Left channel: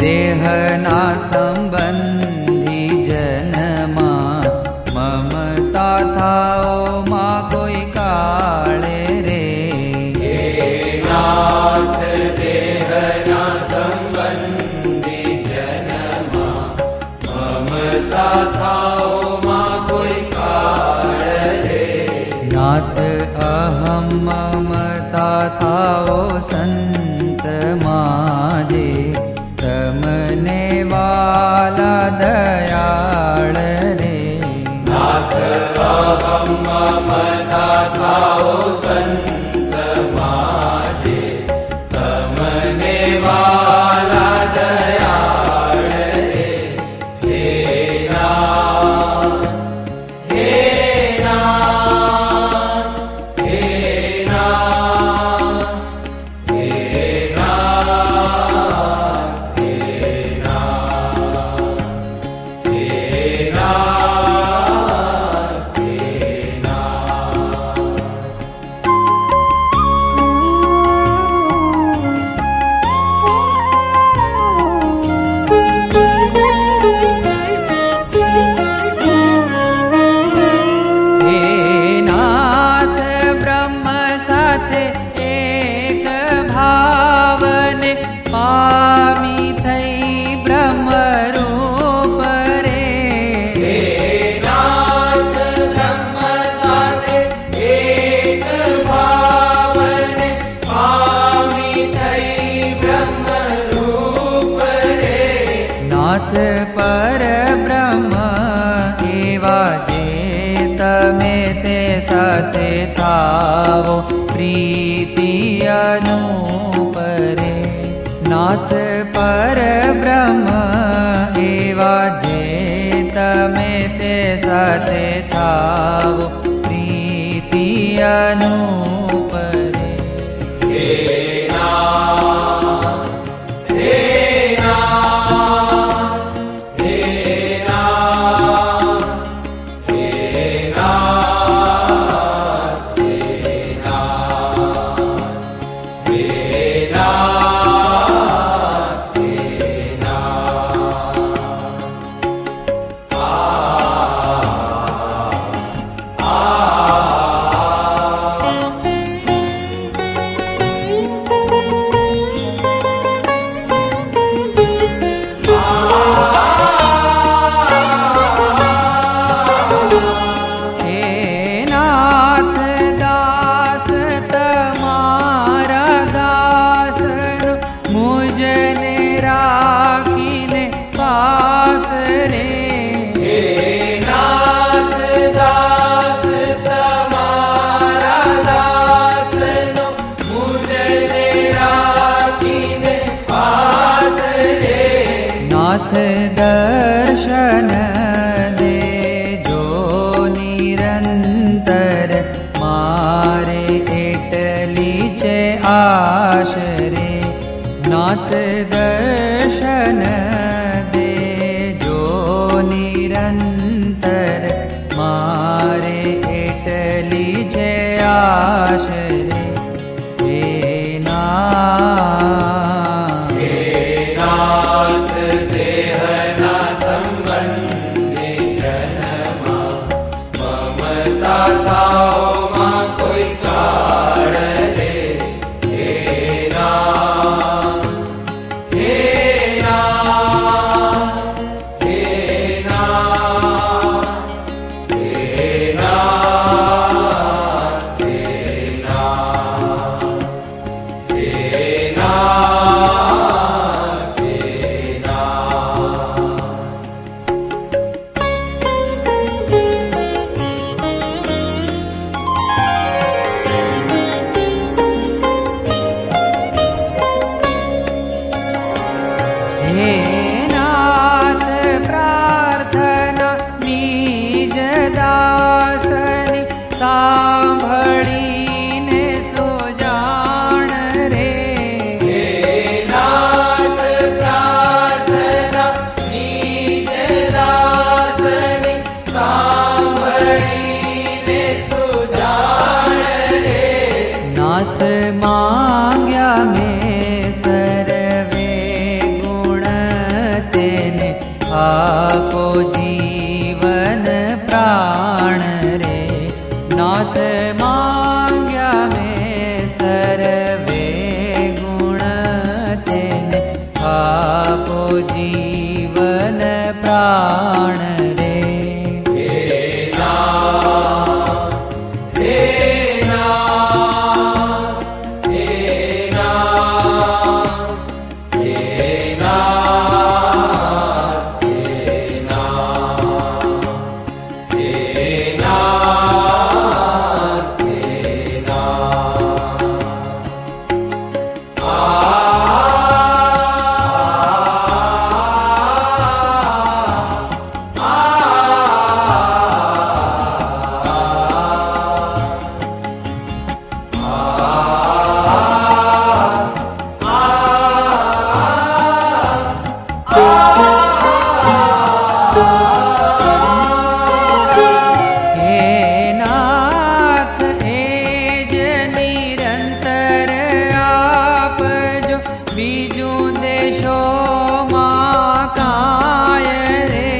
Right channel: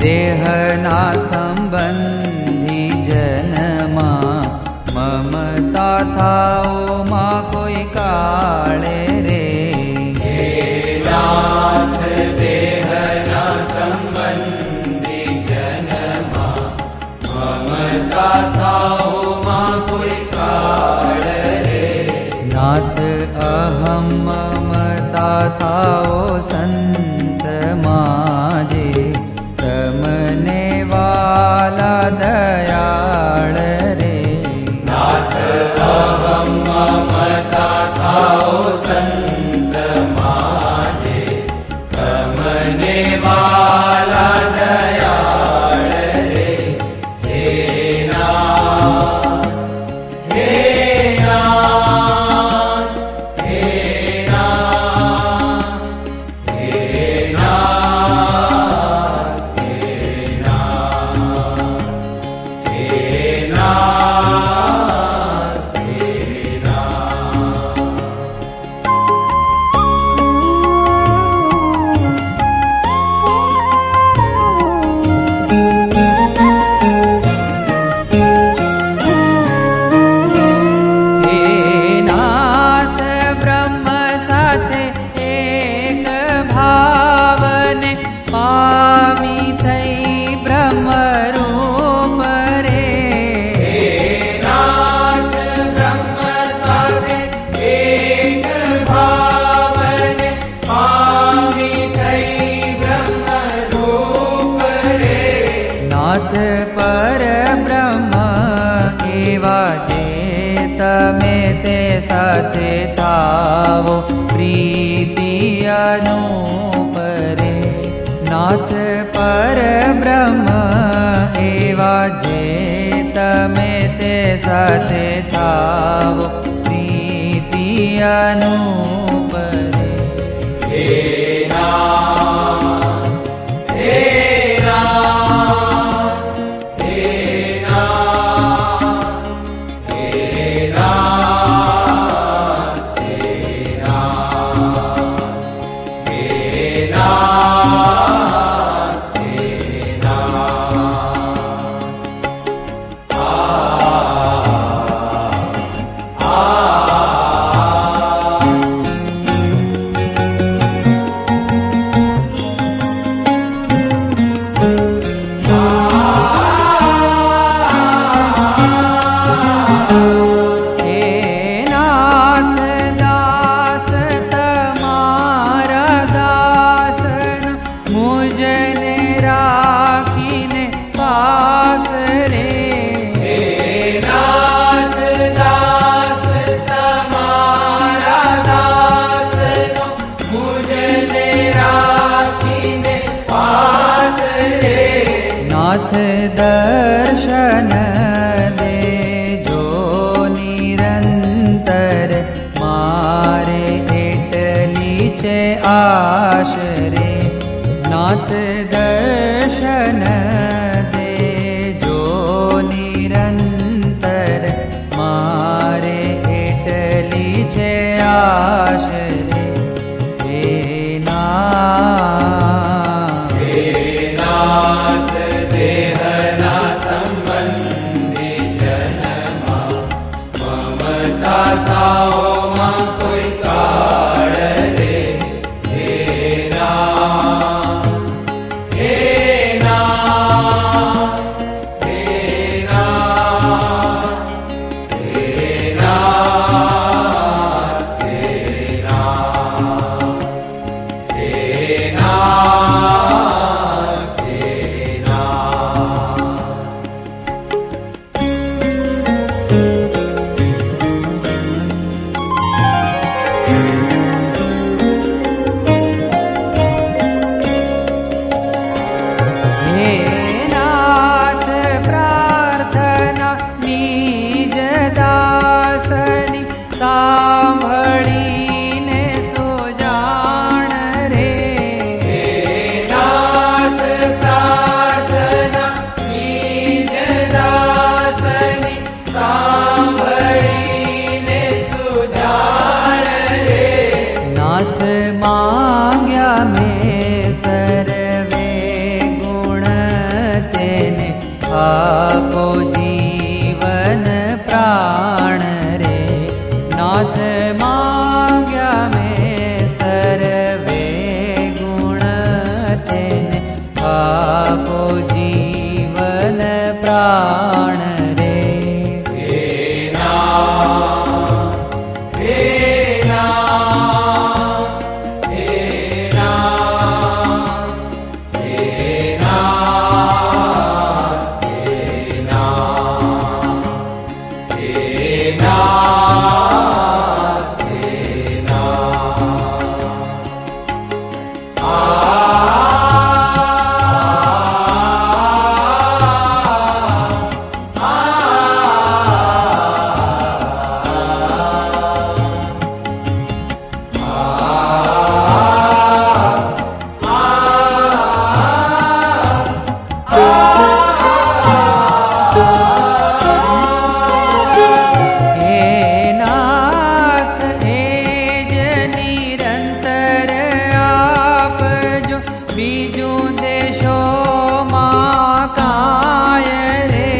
દેહના સંબંધી જનમાં મમતા થાઓમાં કોઈ કાળે રે. નાથ દેહના સંબંધી જનમાં મમતા થાઓમાં કોઈ કાળ રે. નાથ અહમ મમતા થાઓ સંતમાં જે તમને વાલા દયાળ રે. નાથ અહમ મમતા થાઓ સંતમાં જે તમને વાલા દયાળ રે. હે નાથ, હે નાથ, હે નાથ, હે નાથ, હે નાથ, હે નાથ, હે નાથ. હે નાથ બ્રહ્મ સાથે એક ભાવને પામી થઈ બ્રહ્મરૂપ રે. હે નાથ બ્રહ્મ સાથે એક ભાવને પામી થઈ બ્રહ્મરૂપ રે. નાથ પરબ્રહ્મ એવા જે તમે તે સાથે થાવો પ્રીતિ અનુપ રે. નાથ પરબ્રહ્મ એવા જે તમે તે સાથે થાવો પ્રીતિ અનુપ રે. હે નાથ, હે નાથ, હે નાથ, હે નાથ, હે નાથ, હે નાથ, હે નાથ. હે નાથ દાસ તમારા દાસનો મુજને રાખીને પાસ રે. હે નાથ દાસ તમારા દાસનો મુજને રાખીને પાસ રે. નાથ દર્શન દેજો નિરંતર મારે એટલી છે આશ રે. નાથ દર્શન દેજો નિરંતર મારે એટલી છે આશ રે. હે નાથ, હે નાથ દેહના સંબંધી જનમાં મમતા થાઓમાં કોઈ કાળ રે. હે નાથ, હે નાથ, હે નાથ, હે નાથ, હે નાથ, હે નાથ, હે નાથ. હે નાથ પ્રાર્થના નિજ દાસની સાંભળીને સુજાણ રે. હે નાથ પ્રાર્થના નિજ દાસની સાંભળીને સુજાણ રે. નાથ માંગ્યા મેં સર્વે ગુણ आपो जीवन प्राण रे नाथ मांग्या में सर्वे गुण तेने आपो जीवन प्राण रे बीजू देशो मां काय रे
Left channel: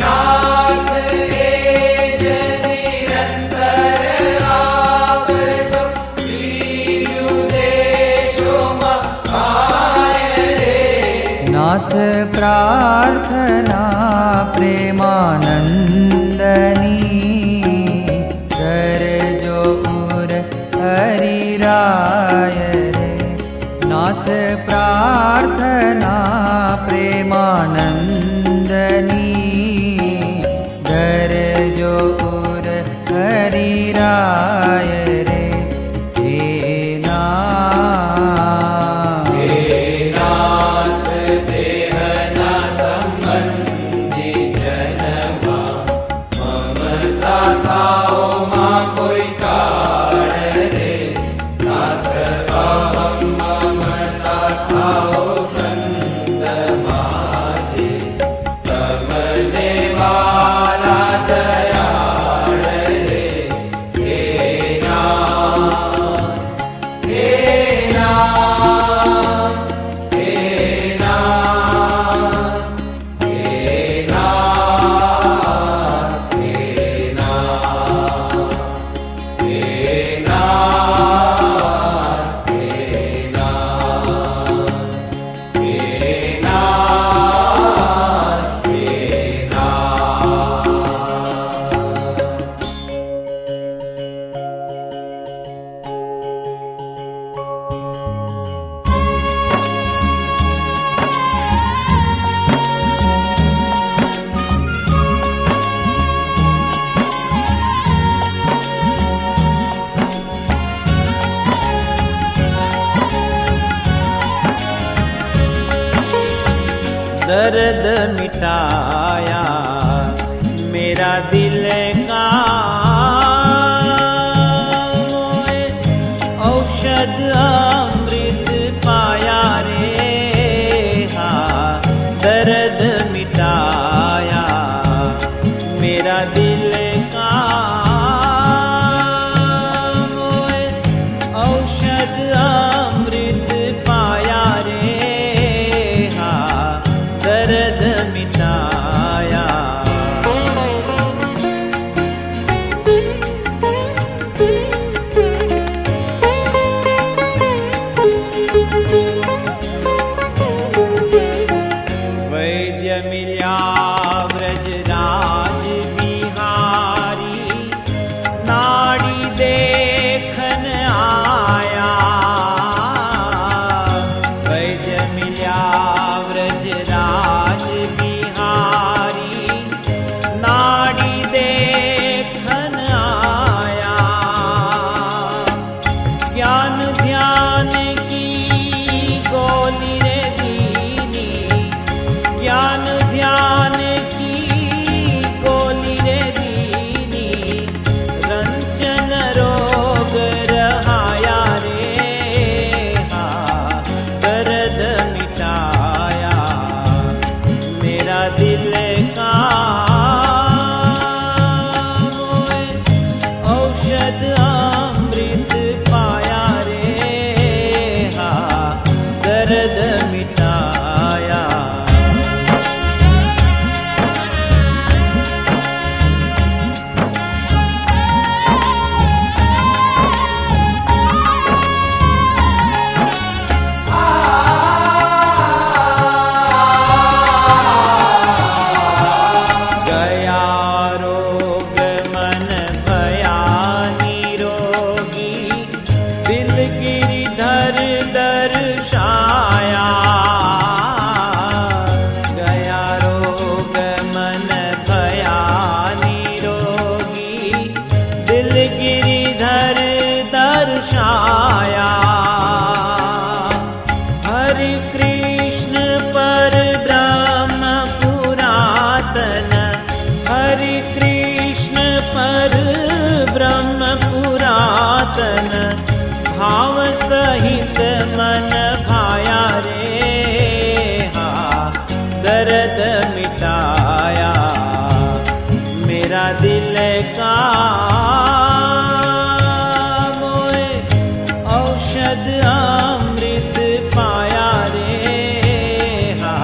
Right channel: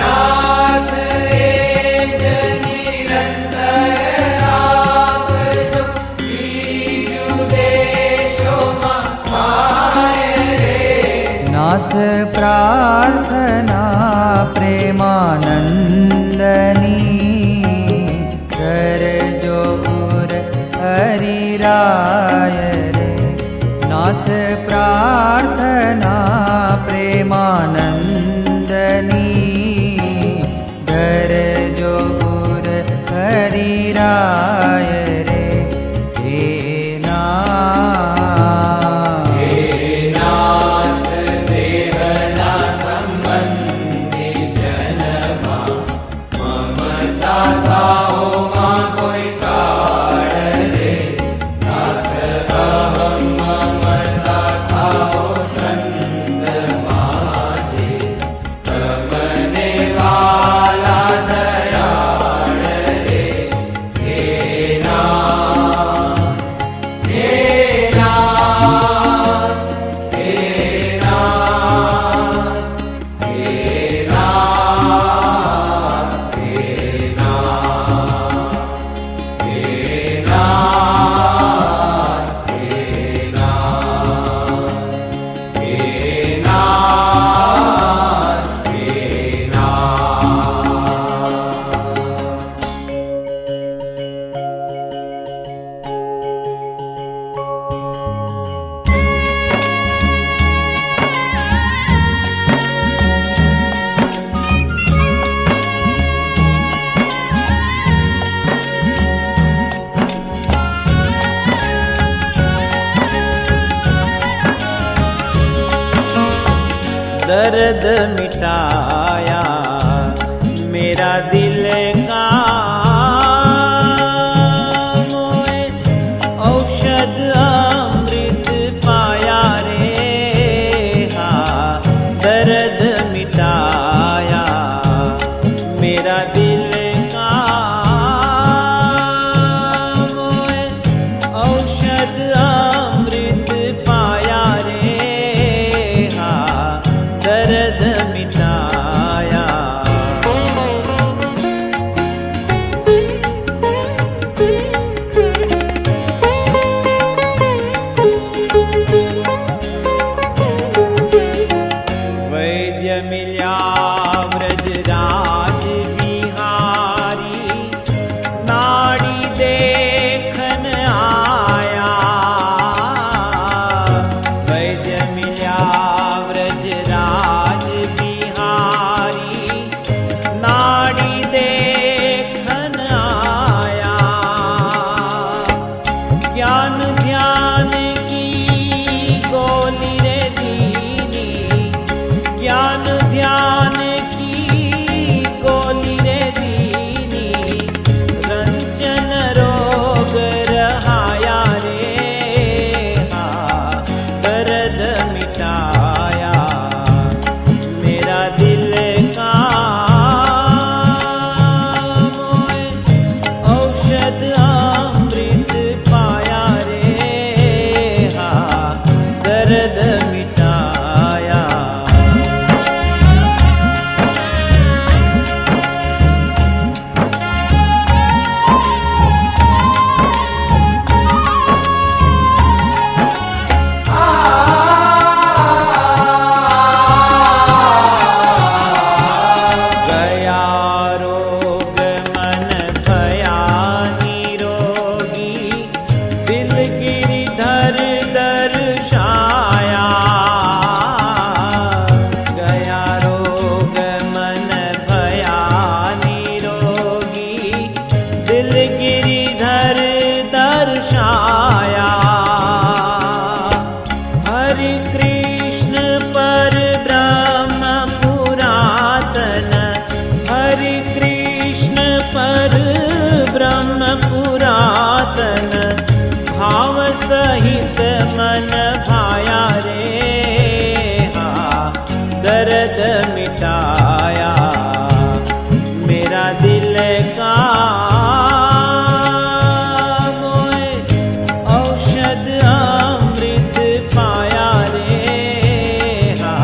नाथ एज निरंतर आपजो बीजू देशो मां काय रे नाथ प्रार्थना प्रेमानंदनी करजो उर हरिराय रे नाथ प्रार्थना प्रेमानंदनी धरजो उर हरिराय रे हे नाथ देहना संबंधी जनमा ममता थाओ मां कोई काळ रे नाथ अहम ममता थाओ संत माजे तमने वाला दयाळ रे हे नाथ हे नाथ हे नाथ हे नाथ हे नाथ हे नाथ हे नाथ हे नाथ हे नाथ दर्द मिटाया मेरा दिल का मोए औषध अमृत पाया रे हाँ दर्द मिटाया मेरा दिल का मोए औषध अमृत पाया रे हाँ दर्द मिटाया गिरिधर दर्शाया। हरि कृष्ण पर ब्रह्म पुरातन, हरि कृष्ण पर ब्रह्म पुरातन, भाव सहित मन भाया रे। हा दर्द मिटाया मेरा दिल का, मोए औषध अमृत पाया रे। हा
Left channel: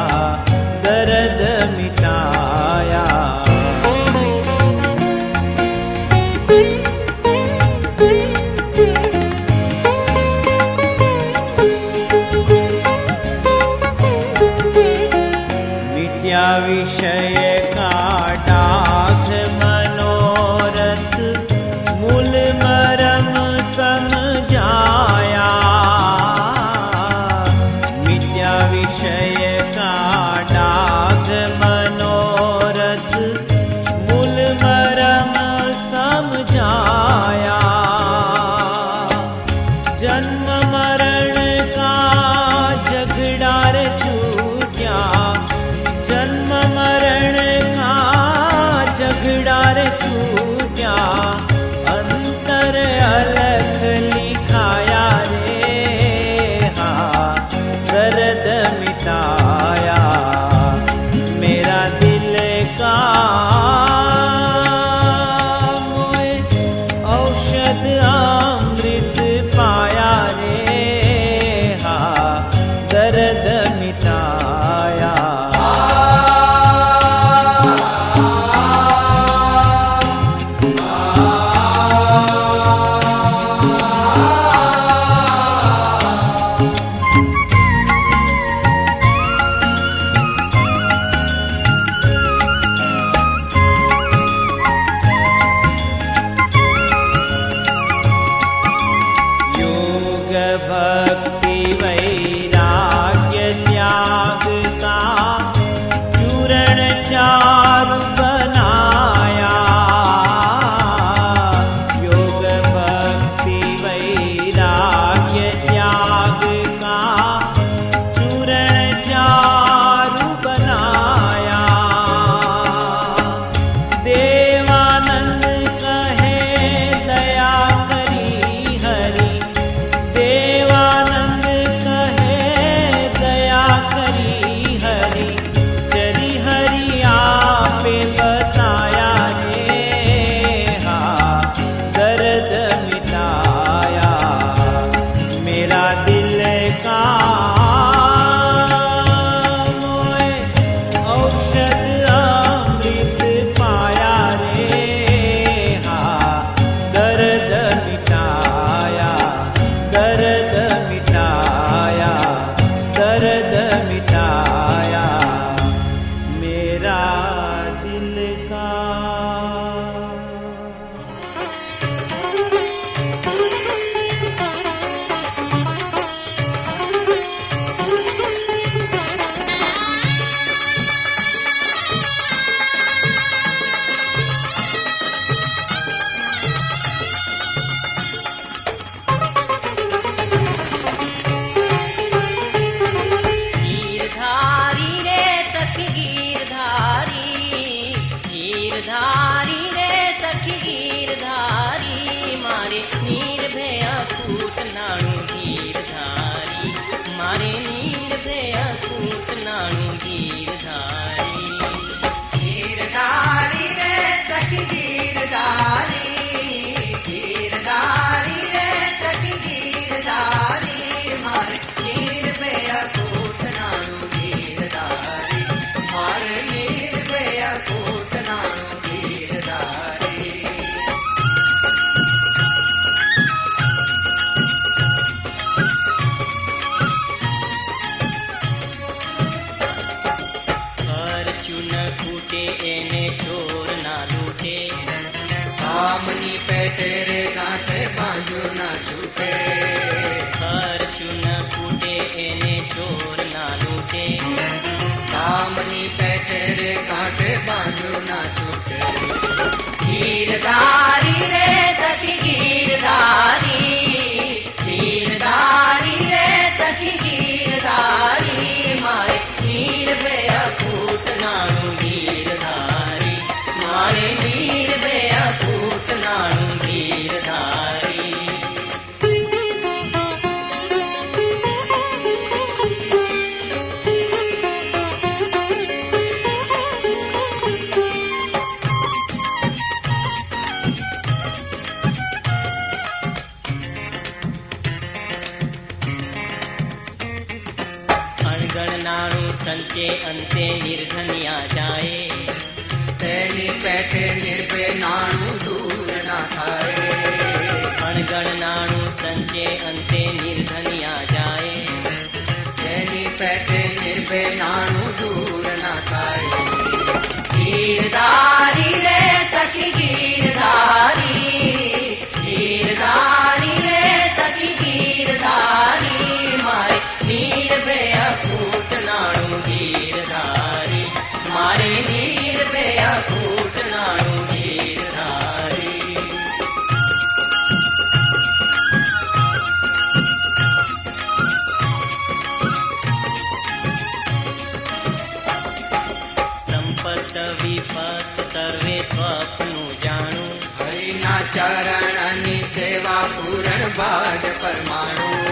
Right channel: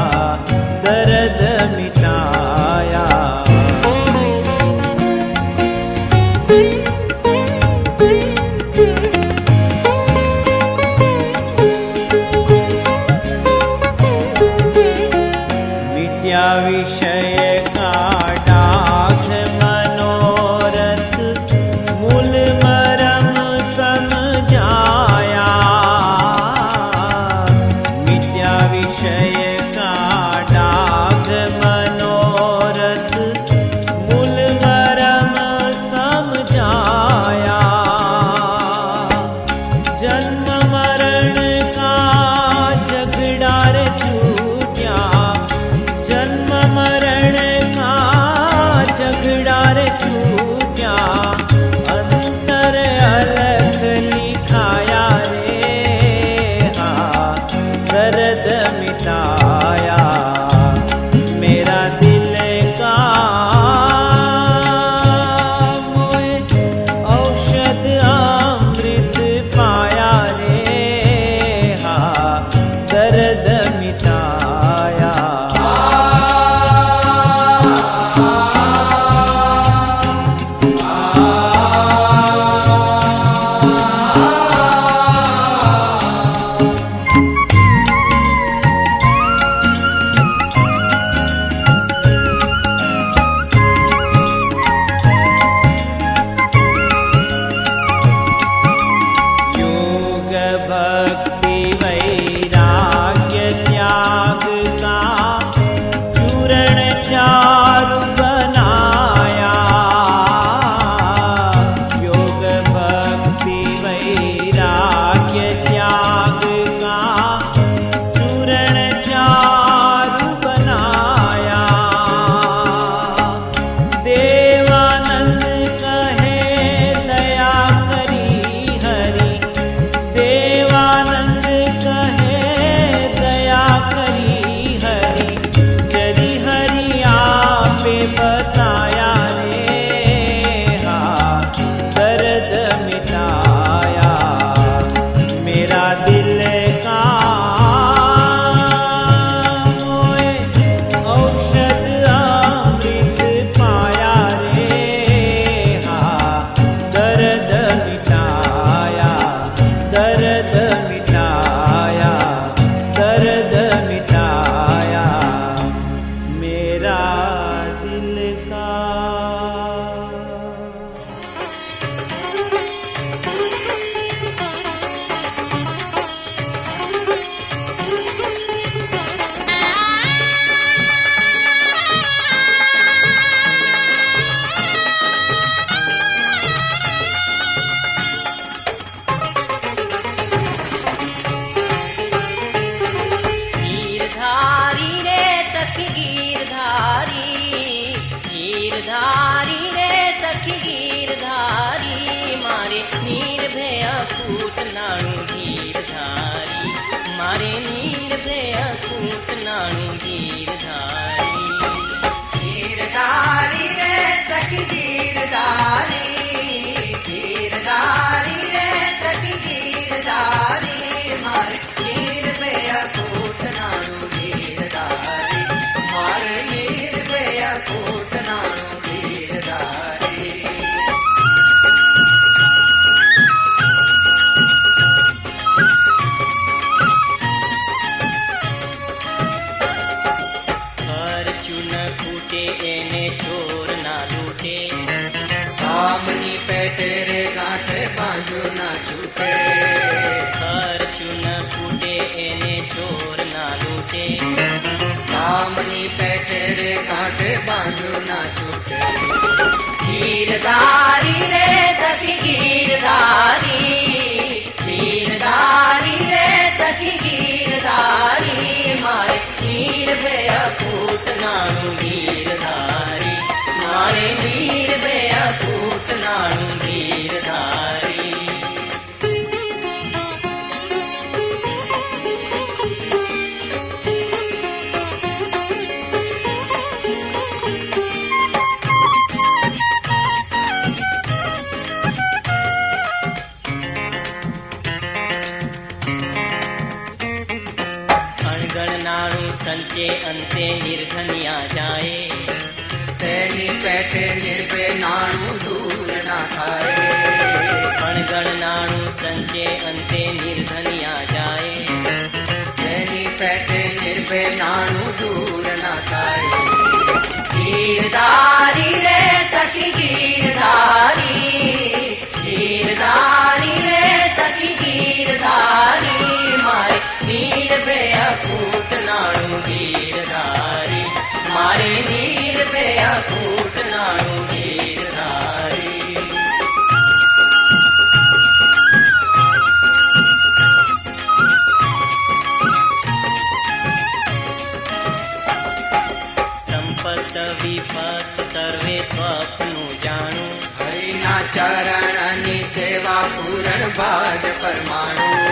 दर्द मिटाया। मिट्या विषय का डाघ मनोरथ, मूल मरम समझाया। मिट्या विषय का डाघ मनोरथ, मूल मरम समझाया। जन्म मरण का झगड़ा रे छूटा, जन्म मरण का झगड़ा रे छूटा। अंतर अलख लिखाया रे। हा दर्द मिटाया मेरा दिल का, मोए औषध अमृत पाया रे। हा दर्द मिटाया। भक्ति वैराग्य त्याग का चूरण चारु बनाया। योग भक्ति वैराग्य त्याग का चूरण चारु बनाया। देवानंद कहे दया करी हरि, देवानंद कहे दया करी हरि। चरी हरि आपे बताया रे। हा दर्द मिटाया मेरा दिल का, मोए औषध अमृत पाया रे। हा दर्द मिटाया, दर्द मिटाया, दर्द मिटाया मेरा दिल का। गीरधारी रे सखी સંચે અંતે નિર્ધનિયા જાય. તેની પેટે નિર્ભે નાનું દૂર ના થાય. અણગણ નાણું સંચે અંતે નિર્ધનિયા જાય. તેની પેટે નિર્ભે નાનું દૂર ના થાય. ગીરધારી રે સખી ગીરધારી, ગીરધારી રે સખી ગીરધારી, મારે નિર્ભે અકૂટ નાણું ગીરધારી, મારે નિર્ભે અકૂટ નાણું ગીરધારી. સંપત વિપત સર્વે સ્વપ્નું જાણું. હરિના ચરણની સેવા પૂરણ ભાગ પરમાણુ.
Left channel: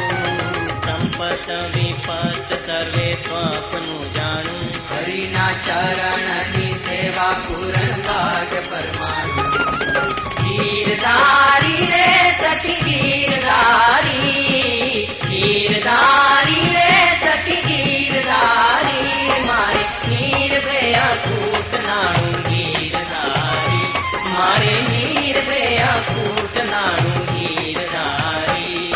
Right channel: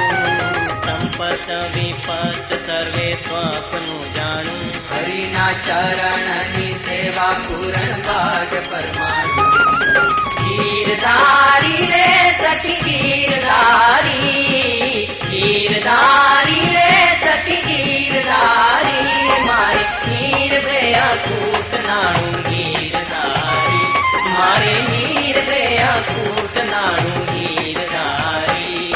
સંપત વિપત સર્વે સ્વપ્નું જાણું. હરિના ચરણની સેવા પૂરણ ભાગ પરમાણુ. ગીરધારી રે સખી ગીરધારી, ગીરધારી રે સખી ગીરધારી, મારે નિર્ભે અકૂટ નાણું ગીરધારી, મારે નિર્ભે અકૂટ નાણું ગીરધારી.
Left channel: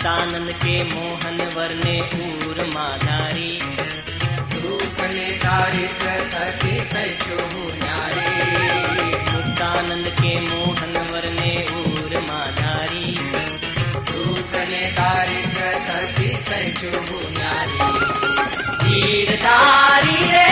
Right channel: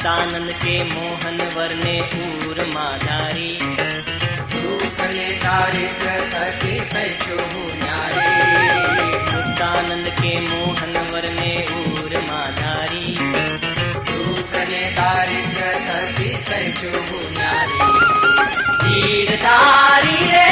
मुक्तानंद के मोहन वरने दूर माधारी. रूपने दारिद्र पति पैसो न्यारे. मुक्तानंद के मोहन वरने दूर माधारी. रूपने दारिद्र पति पैसो न्यारे. गीरधारी रे